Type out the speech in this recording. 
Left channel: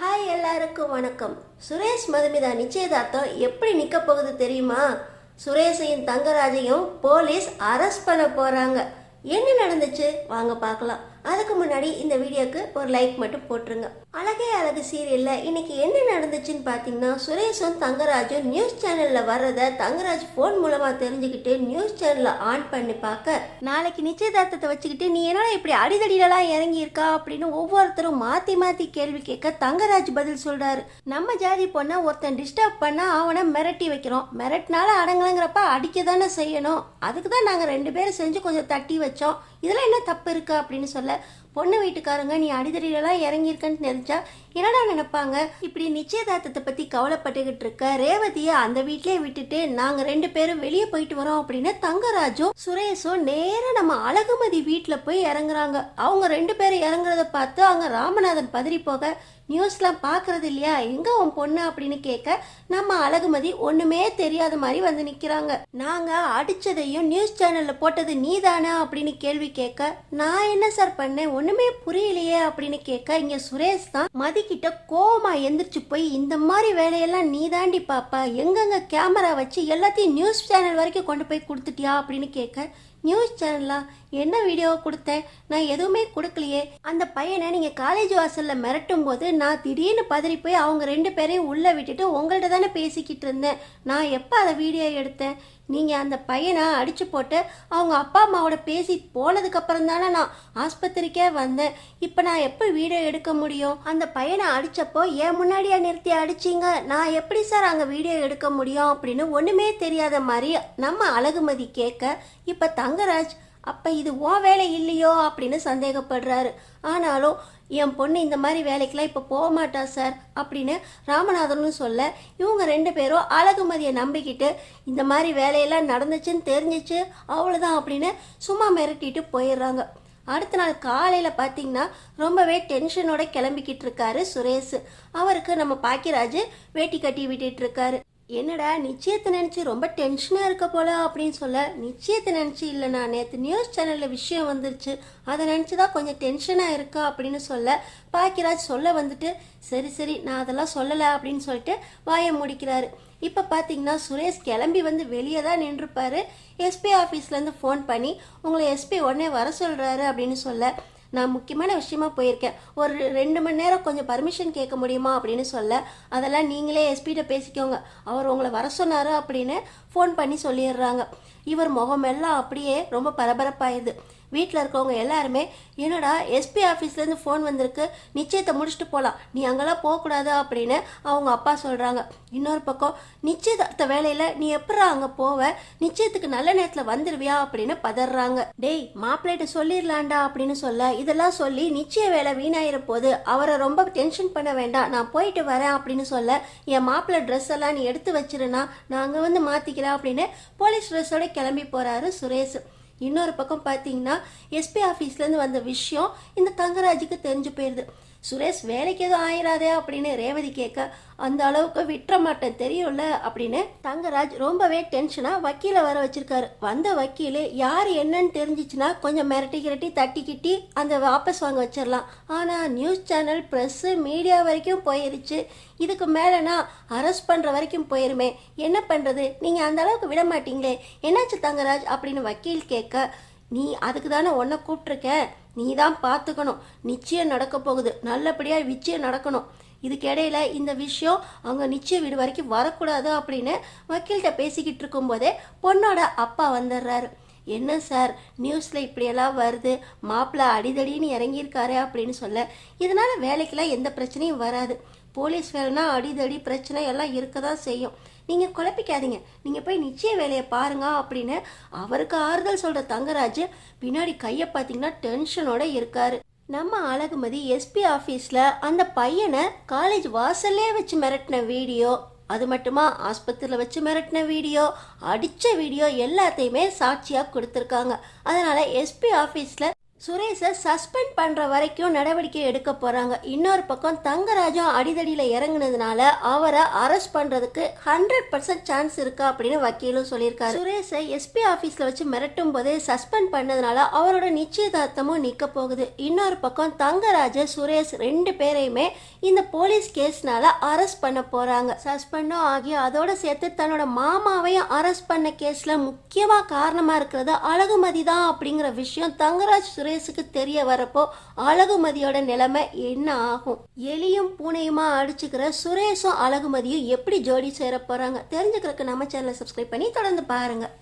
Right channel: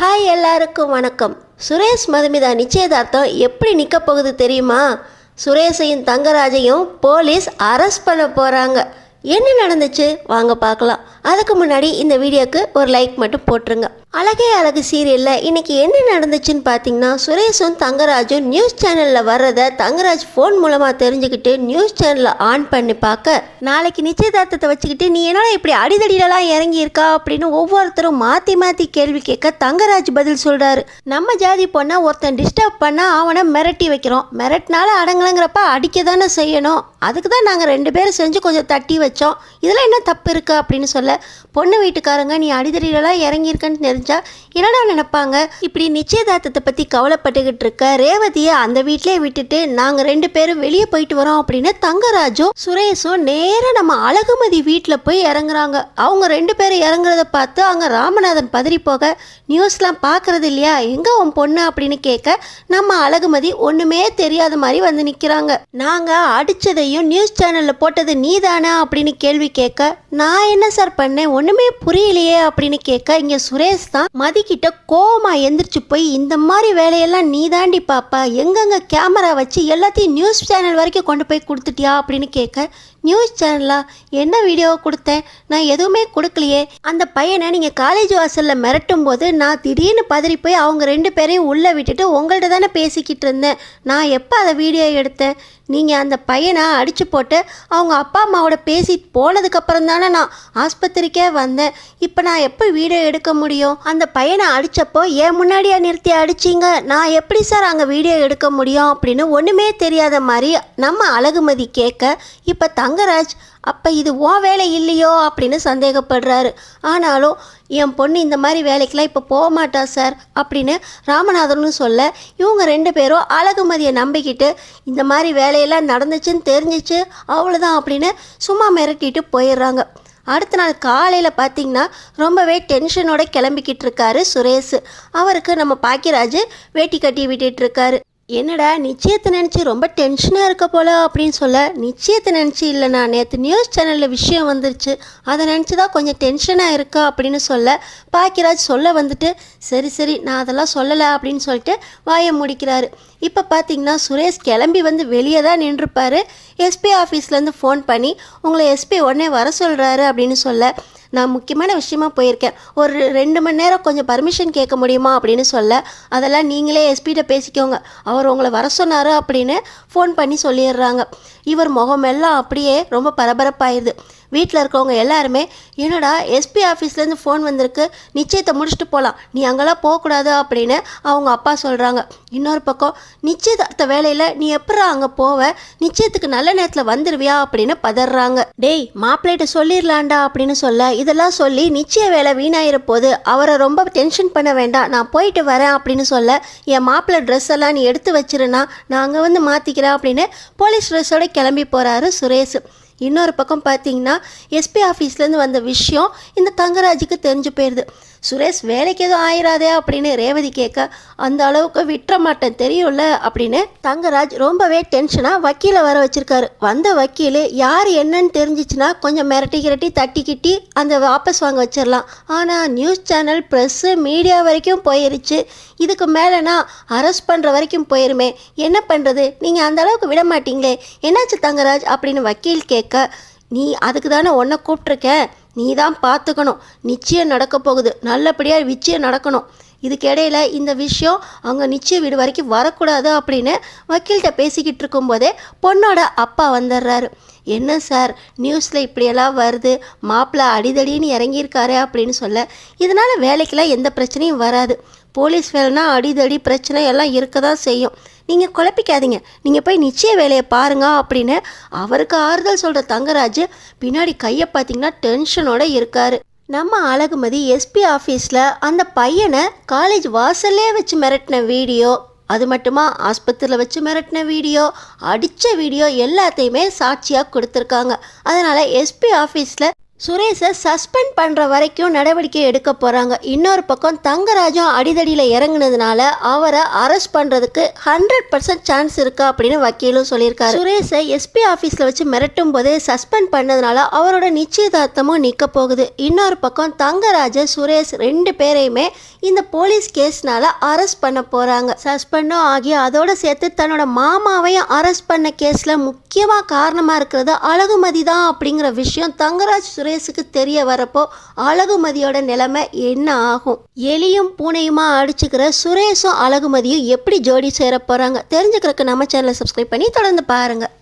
Hi எல்லாருக்கும் வணக்கம். சுரேஷ் மதுமிதா நிச்சயதார்த்தம் எப்படி நிற்க போகுது தெரியுமா? சுரேஷையும் தங்கராஜையும் போலீஸ் அரெஸ்ட் பண்ண போகிறாங்க. என்ன நடந்துச்சு வாங்க பார்க்கலாம். அதுக்கு முன்னாடி இந்த வீடியோக்கு ஒரு லைக் மட்டும் போட்டுருங்க. அழகே அழகு சீரியலில் இன்னைக்கு என்ன நடந்துச்சுன்னு பார்த்தீங்கன்னா, சுரேஷும் தங்கராஜும் நியூஸ் சேனலில் வர்றதை தங்கராஜ் ஃபோன் மூலமாக தெரிஞ்சுக்கிட்டு நியூஸ் சேனலில் ஆன் பண்ணி பார்க்க, நாளைக்கு நிச்சயதார்த்தத்தை வச்சுக்கிட்டு நீ என்னடா இப்படி அடிதடியிலலாம் இறங்கி இருக்கா அப்படின்னு ஒவ்வொருத்தரும் மாற்றி மாற்றி கேள்வி கேட்க தங்கராஜ் பதில் சொல்கிறாரு. நம்ம ஜாதி பொண்ணை ஒருத்தன் டிஸ்டர்ப் பண்ணால் அவனை மிரட்டி வைக்கிறோம், மிரட்டினால அடங்கலங்கிறப்ப அடிக்க தானே செய்யணும், அதுக்கு தான் நாங்கள் 2 பேரும் செஞ்சு கொஞ்சம் தட்டி வச்சோம், இதில் என்ன தப்பு இருக்கு அப்படின்னு சொல்ல, பொண்ணு வீட்டுக்காரங்க நீ அடிதடியிலலாம் இறங்கியிருக்கன்னு தெரிஞ்சா என்னடா நினைப்பாங்க? இப்படி நிச்சயதார்த்தத்தை பற்றி கவலைப்பட்டுக்கிட்டு இருக்க ரேவதியை அந்த வீட்டிலே விட்டுட்டு நாங்கள் 2 பேரும் வெளியே போயிட்டு வரோம் அப்படின்னு தங்கராஜும் சுரேஷும் நேராக நம்ம அழகுமதி வீட்டில் போய் இறங்குறாங்க. அவங்க 2 பேரும் இறங்குறத பார்த்து அங்கே ராமநாதன் பதறி போக, நியூஸ்லாம் பார்க்கறது இல்லையா, எங்கே உன் பொண்ணு அப்படின்னு கேட்க, நம்ம அழகுமதி ஒன்றுமே தெரியாத மாதிரி வந்து நிற்கிறாங்க. நாங்கள் அடித்ததையும் நியூஸ் சேனலில் போட்டது நீ தானே அப்படின்னு கேள்வி கேட்க, நான் என்ன சார் பண்ணேன் ஒன்றுமே புரியலையே அப்படின்னு கேட்க, இங்கே சுரேஷ் தான் மதிக்கிட்ட கோவமா எந்திரிச்சு போய், இந்த மாதிரி வேலையெல்லாம் நீ தாண்டி பாப்பா, எங்கெங்க கேமரா வச்சு எல்லாத்தையும் நியூஸ் சேனல் வரைக்கும் கொண்டு போய் கொடுத்துட்டியா அப்படின்னு கேட்க, நியூஸ் சேனலா, என்ன வீடியோ கொடுத்தேன், நான் எதுவுமே கொடுக்கலையே, அந்த பையனை நீங்கள் காலேஜ் வாசலில் மிரட்டும் போது நான் திடீர்னு பதறி போய் அவங்க 2 பேரையும் உள்ளே விட்டுட்டு உங்கள்கிட்ட தானே பேசிக்கிட்டு இருந்தேன், நான் எப்போ அதை வீடியோ எடுத்தேன், நீங்கள் அந்த பையனை அடித்து போட்டு அவங்க அப்பா அம்மாவோட பேசி போனதுக்கப்புறம் தானே நான் ஆஸ்பத்திரிக்கே வந்தேன், இப்போ நான் எப்போ வீடியோ எடுக்க முடியும், அந்த பையனை அடித்தப்போ ஏன் முன்னாடியே நிறுத்தி அடிச்சிங்க, நான் எப்படி சார் அங்கே வீடியோ எடுக்க முடியும் அப்படின்னு ஒன்றுமே தெரியாத மாதிரி நம்ம அழகுமதி கேட்க, இப்போ தங்கராஜ் அப்போ இது உன் வேலை இல்லையோ அப்படின்னு சந்தேகப்படுறாரு. ஆனாலும் என் பொண்ணு இந்த மாதிரி வேலைக்கெலாம் இப்போ போக மாட்டா சார் அப்படின்னு ராமநாதனும் சொல்ல, இவங்க 2 பேரும் அழகுமதியை நம்பிக்கிட்டு இந்த மாதிரி வேலையெல்லாம் நடந்துச்சுன்னு தெரிஞ்சிச்சு அவ்வளோதான் அப்படின்னு சும்மா மிரட்டிட்டு போயிடுறாங்க. அடுத்த நாள் காலையில் பார்த்திங்கன்னா ரொம்பவே டென்ஷனோட கிளம்பிக்கிட்டு இருக்காரு சுரேஷ். அவருக்கு நம்ம பாக்கியராஜ் வேட்டி கட்டி விட்டுட்டு இருக்காரு. என்னடா நிச்சயத்தை நினச்சி ரொம்ப டென்ஷனாக இருக்க போல அப்படின்னு சொல்ல, நிச்சயத்தை நினச்சி இல்லைண்ணா, நேற்று நியூஸ் சேனலில் விஷயம் வந்துருச்சு, அதை நினச்சி தான் கொஞ்சம் டென்ஷனாக இருக்கா அப்படின்னு சொல்ல, பாக்கியராஜ் சொல்ல வந்துட்டு சரி சரி நான் அதெல்லாம் சொல்லலை அப்படின்னு சொல்லிட்டு வாயை முடிக்கிறாரு. இப்போ பார்த்தீங்கன்னா சுரேஷ் கிளம்பி வந்து வெளியே தான் நின்றுப்பார். எஸ்பி ஆஃபீஸ்லேருந்து ஃபோன் பண்ணி உங்களை எஸ்பி உடனே வர சொல்கிறாரு அப்படின்னு சொல்ல, நான் முக்கியமான விஷயமா போயிருக்கேன், ஒரு 2 மணி நேரம் கொஞ்சம் பர்மிஷன் கேட்க முடியுமா அப்படின்னு சொல்ல, அதெல்லாம் நீங்களே எஸ்பிகிட்ட பேசிக்கோங்க, அவர் உங்களை வர சொன்னார் அப்படின்னு ஃபோன் பண்ணி சொல்லிடுறாங்க. இவர் முகமெல்லாம் அப்படியே ரொம்ப பரபரப்பாயிடுது. வீட்டில் இருக்கவங்க எல்லாருமே என்னடா எஸ்பி ஆஃபீஸ்லேருந்து ஃபோன் வந்திருக்கு, நிச்சயத்தை முடிச்சுட்டு போகலாம், நீ அங்கெல்லாம் போகக்கூடாது அப்படின்னு அவங்க அப்பா சொல்கிறாங்க. இன்னொரு பக்கம் நிச்சயதார்த்த வேலையில் நீ எப்படா அங்கே போவ, நிச்சயத்துக்கு நல்ல நேரத்தில் வந்துடுவியா அப்படின்னு பதறாங்க. டேய் மாப்பிள்ளைகிட்ட சொல்லிடலாண்டா அப்படின்னு சொல்ல, இதெல்லாம் சொல்லி நிச்சய வேலை வீணாயிர போது, அவரை ரொம்ப டென்ஷன் பண்ண வேண்டாம், நான் போயிட்டு வரேன் அப்படின்னு சொல்ல, என் மாப்பிள்ளை ட்ரெஸ் எல்லாம் நீ எடுத்து வச்சிருன்னா நான் அங்கே வந்து மாற்றிக்கிறேன் அப்படின்னு போலீஸ் ட்ரெஸ்ஸோட கிளம்பி போகிறாரு சுரேஷ். இன்னொரு பக்கம் பார்த்தீங்கன்னா எஸ்பி ஆஃபீஸ்லேருந்து வந்த விஷயம் இந்த தங்கராஜுக்கு தெரிஞ்சு போயிடுது. சுரேஷ் வேலைக்கு எதுவும் ஆயிராதே அப்படின்னு ரேவதி கேட்க, அந்த அளவுக்கு விட்டுற மாட்டேன் தெரியும்ல அப்படின்னு தங்கராஜ் ரொம்பவே டென்ஷனாக வக்கீலை வர வச்சிருக்காரு. வந்த வக்கீல் யார் என்னன்னு தெரிஞ்சிச்சுன்னா கொஞ்சம் மிரட்டி தட்டிக்கிட்டி அந்த வாபஸ் வாங்க வச்சிடலாம். ஆனால் நியூஸ் சேனல் ப்ரெஸ்ஸு மீடியா வரைக்கும் போயிருச்சு, இதுக்கு மேலேனா அரெஸ்ட் பண்ணுற வரைக்கும் போயிருமே, என்ன பண்ணுறது, நீங்கள் அந்த அளவுக்கு விட மாட்டீங்களே, என்னாச்சு தங்கராஜ் அப்படின்னு வக்கீல் கேட்க, நீ அதுக்கு தானே உன்னை கூப்பிட்ருக்கேன், நீ தான் பார்த்துக்கணும், நிச்சயம் நடக்க போகுது, நல்லபடியாக நிச்சயம் நடக்கணும், இதுக்கிடையில் இந்த விஷயம் அவங்க நிச்சய வீடு வரைக்கும் வரக்கூடாது அப்படின்னு வக்கீல்கிட்ட பேசிக்கிட்டு இருக்கும்போதே பொண்ணோட அப்பா வந்துடுறாரு. என்ன சார் நியூஸில் இப்படியெல்லாம் வருது, மாப்பிள்ளை அடிதடின்னு இறங்கியிருக்காரு அப்படின்னு சொல்ல, இதனால் வேலைக்கெல்லாம் எந்த பிரச்சனையும் வராது, போலீஸ் வேலைனா அடிதடி பிரச்சனை எல்லாம் இருக்க தான் செய்யும், நீங்கள் குழப்பிக்காதீங்க, நீங்கள் போய் நிச்சய வேலையை பாருங்க அப்படின்னு அவருக்கு ஆறுதல் சொல்கிற தங்கராஜ் பின்னாடி கையை பார்த்தீங்கன்னா டென்ஷனோட இருக்கார். நம்ம அழகுமதி எஸ்பி ஆஃபீஸில் அந்த பையனை காலேஜ் வாசல்லே வச்சு மிரட்டின வீடியோ, அது மட்டுமா ஆஸ்பத்திரியில் வச்சு மிரட்டின வீடியோ, அடித்த வீடியோ எல்லாத்தையுமே சாட்சியாக கொடுத்துருக்காங்க. அதனால் எஸ்பி ஆஃபீஸில் சுரேஷை சஸ்பெண்ட் பண்ணுற வரைக்கும் நடவடிக்கை எடுக்க போகிறாங்க. இன்னொரு பக்கம் தங்கராஜும் அடிதடியில் இறங்குனதுனால அவரை அரெஸ்ட் பண்ணுறதுக்கு 100% சான்ஸ் இருக்கா அப்படின்னு வக்கீலும் சொல்லியிருக்காரு. சுரேஷை எஸ்பி ஆஃபீஸில் வச்சு மிரட்டும் போதே சஸ்பெண்ட் பண்ணதுனால அவரோட நிச்சயதார்த்தமும் நிற்க போகுது. இன்னொரு பக்கம் தங்கராஜ், சுரேஷ் 2 பேரையுமே இந்த போலீஸ் கேஸ்னால அரெஸ்ட் பண்ண போகிறாங்க. சஸ்பெண்டும் ஆகி அதோட சேர்த்து தன்னோட மாமாவையும் அரெஸ்ட் பண்ண கேஸில் முக்கியமாக காரணமாக இருக்கிறது அழகுமதி தான் அப்படிங்கிற விஷயம் தங்கராஜ் சுரேஷுக்கு தெரிய வரப்போ அழகுமதியோட நிலைமை என்ன ஆகும்? எலியும் பூனையுமா அடிச்சுக்கிற சுரேஷும் அழகுமதியும் எப்படி ஜோடி சேர போகிறாங்க? தெரிஞ்சுக்கிறதுக்கு நம்ம சேனலை சப்ஸ்கிரைப் பண்ணி தொடர்ந்து பாருங்கள்.